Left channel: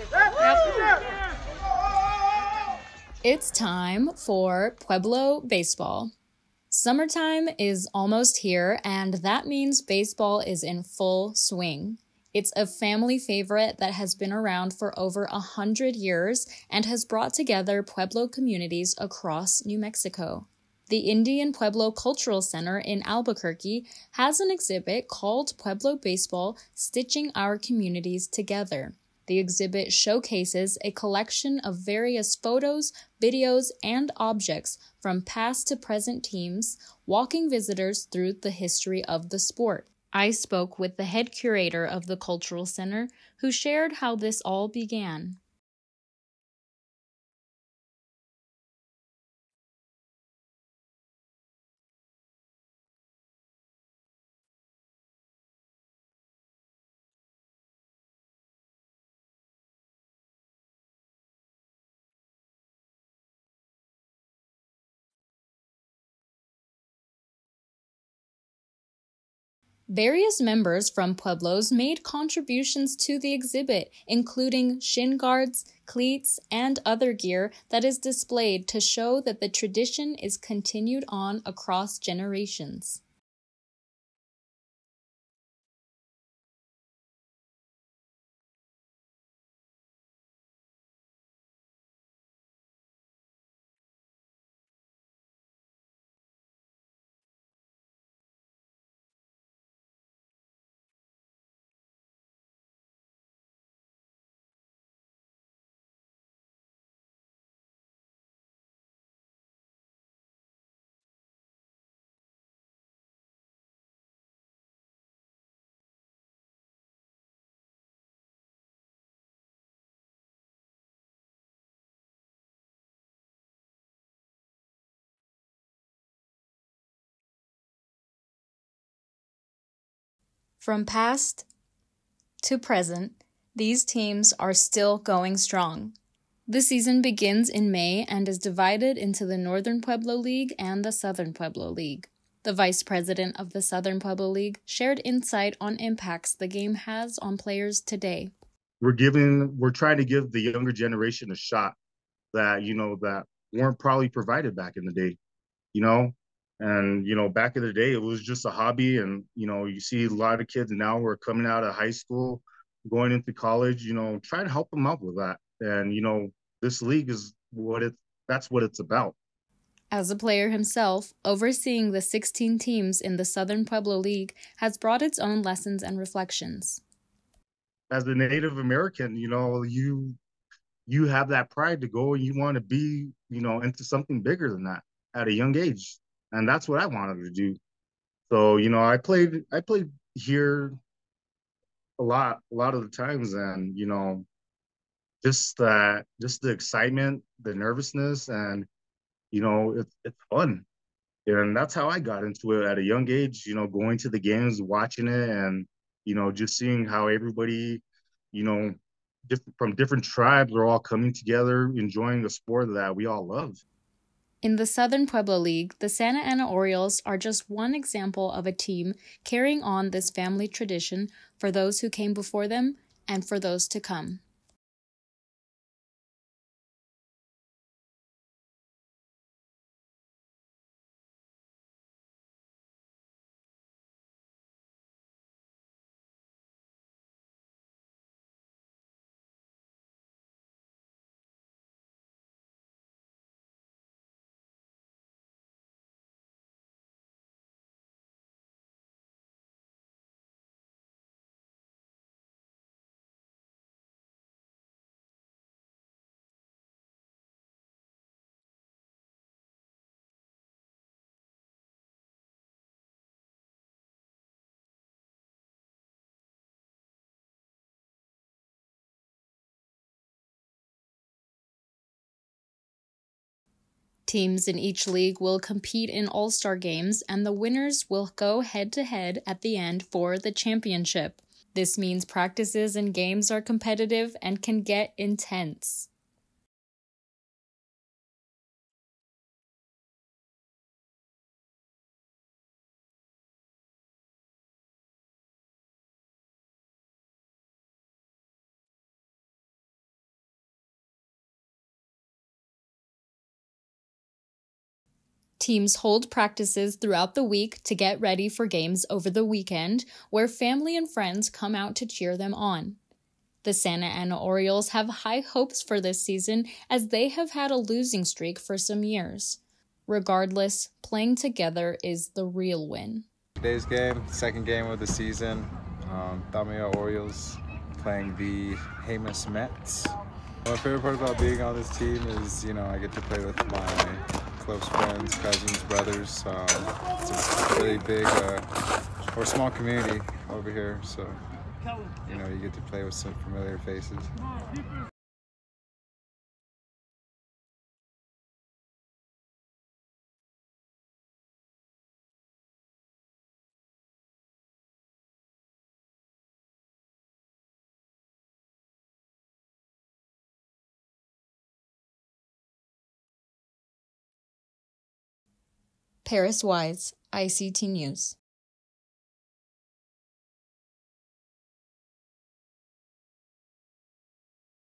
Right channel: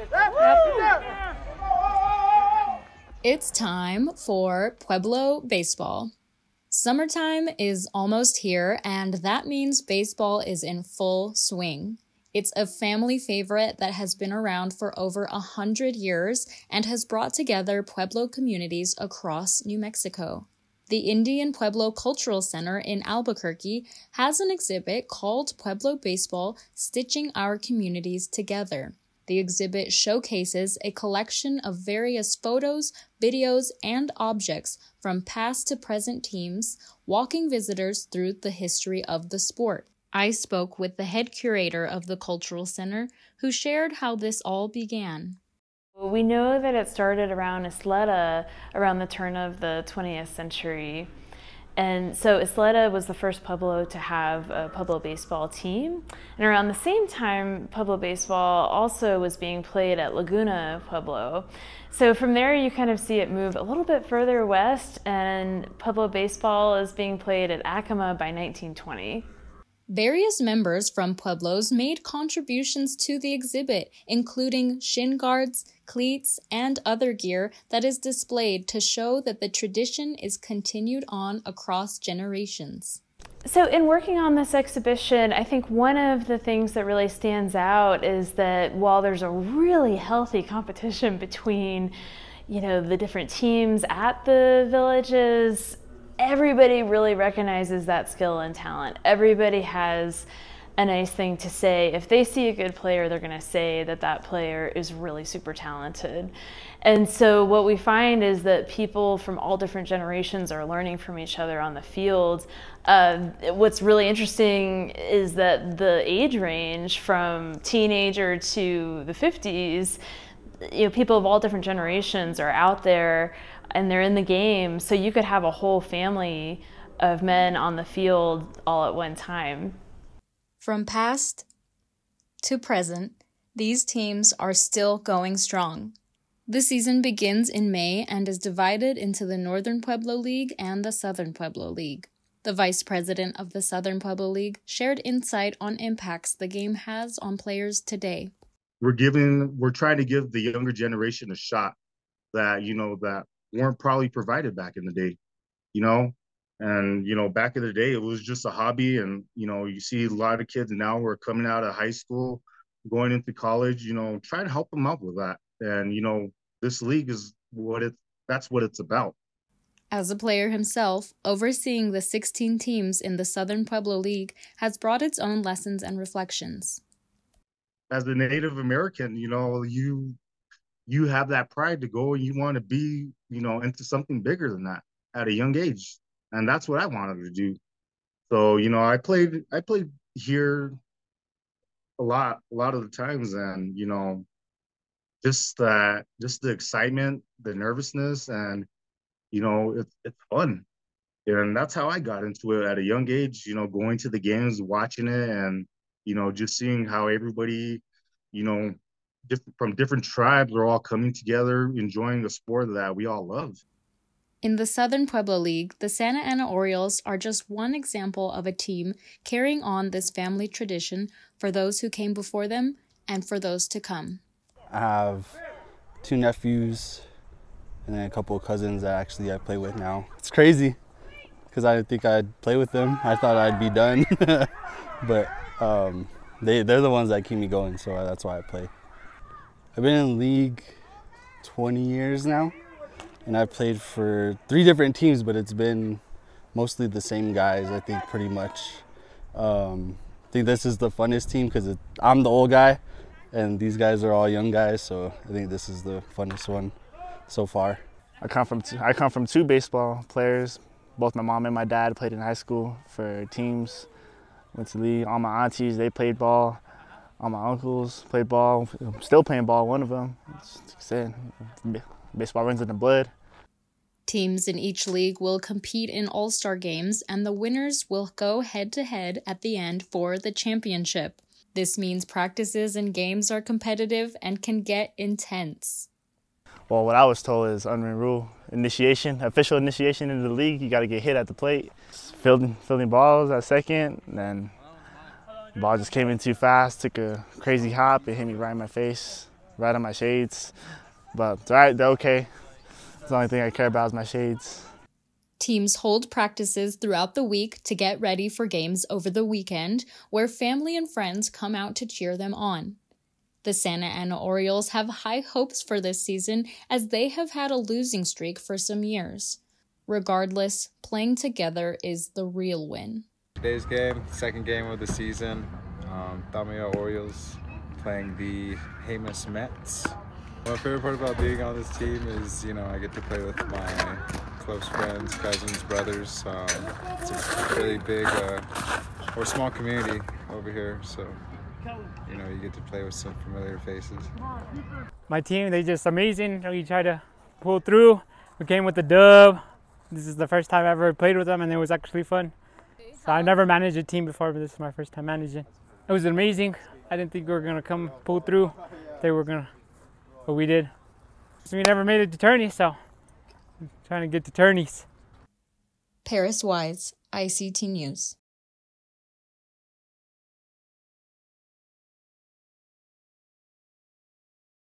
Yep. It's time for Pueblo baseball. Summertime is almost here, and that means baseball is in full swing. It's a family favorite that has been around for over 100 years and has brought together Pueblo communities across New Mexico. The Indian Pueblo Cultural Center in Albuquerque has an exhibit called Pueblo Baseball, Stitching Our Communities Together. The exhibit showcases a collection of various photos, videos, and objects from past to present teams, walking visitors through the history of the sport. I spoke with the head curator of the Cultural Center, who shared how this all began. We know that it started around Isleta around the turn of the 20th century. And so Isleta was the first Pueblo to have a Pueblo baseball team. And around the same time, Pueblo baseball also was being played at Laguna Pueblo. So from there, you kind of see it move a little bit further west, and Pueblo baseball is being played at Acoma by 1920. Various members from Pueblos made contributions to the exhibit, including shin guards, cleats, and other gear that is displayed to show that the tradition is continued on across generations. So in working on this exhibition, I think one of the things that really stands out is that while there's a really healthy competition between, the different teams at the villages, everybody really recognizes that skill and talent. Everybody has a nice thing to say. If they see a good player, they're going to say that that player is really super talented. And so what we find is that people from all different generations are learning from each other on the field. What's really interesting is that the age range from teenager to the 50s, people of all different generations are out there and they're in the game, so you could have a whole family of men on the field all at one time. From past to present, these teams are still going strong. The season begins in May and is divided into the Northern Pueblo League and the Southern Pueblo League. The vice president of the Southern Pueblo League shared insight on impacts the game has on players today. We're trying to give the younger generation a shot that, that weren't probably provided back in the day, and, back in the day, it was just a hobby. And, you see a lot of kids now who are coming out of high school, going into college, trying to help them out with that. And, this league is that's what it's about. As a player himself, overseeing the 16 teams in the Southern Pueblo League has brought its own lessons and reflections. As a Native American, you have that pride to go and you want to be, into something bigger than that at a young age. And that's what I wanted to do. So, I played here a lot of the times, and, just the excitement, the nervousness, and, it's fun. And that's how I got into it at a young age, going to the games, watching it, and, just seeing how everybody, from different tribes are all coming together, enjoying a sport that we all love. In the Southern Pueblo League, the Santa Ana Orioles are just one example of a team carrying on this family tradition for those who came before them and for those to come. I have 2 nephews and then a couple of cousins that I play with now. It's crazy because I didn't think I'd play with them. I thought I'd be done, but they're the ones that keep me going, so that's why I play. I've been in the league 20 years now, and I've played for 3 different teams, but it's been mostly the same guys, I think, pretty much. I think this is the funnest team because I'm the old guy, and these guys are all young guys, so I think this is the funnest one so far. I come from 2 baseball players. Both my mom and my dad played in high school for teams. Went to the league. All my aunties, they played ball. All my uncles played ball. I'm still playing ball, one of them. Baseball runs in the blood. Teams in each league will compete in all-star games, and the winners will go head-to-head at the end for the championship. This means practices and games are competitive and can get intense. Well, what I was told is unwritten rule. Official initiation into the league, you got to get hit at the plate. Fielding balls at second, and then the ball just came in too fast, took a crazy hop, it hit me right in my face. ride on my shades. But they're okay. The only thing I care about is my shades. Teams hold practices throughout the week to get ready for games over the weekend, where family and friends come out to cheer them on. The Santa Ana Orioles have high hopes for this season, as they have had a losing streak for some years. Regardless, playing together is the real win. Today's game, second game of the season. Tamaya Orioles playing the Jemez Mets. My favorite part about being on this team is, I get to play with my close friends, cousins, brothers. It's a really big or small community over here, so you get to play with some familiar faces. My team, they're just amazing. We try to pull through. We came with the dub. This is the first time I ever played with them, and it was actually fun. So I've never managed a team before, but this is my first time managing. It was amazing. I didn't think we were gonna come pull through. They were gonna, but we did. So we never made it to tourney, so I'm trying to get to tourneys. Paris Wise, ICT News.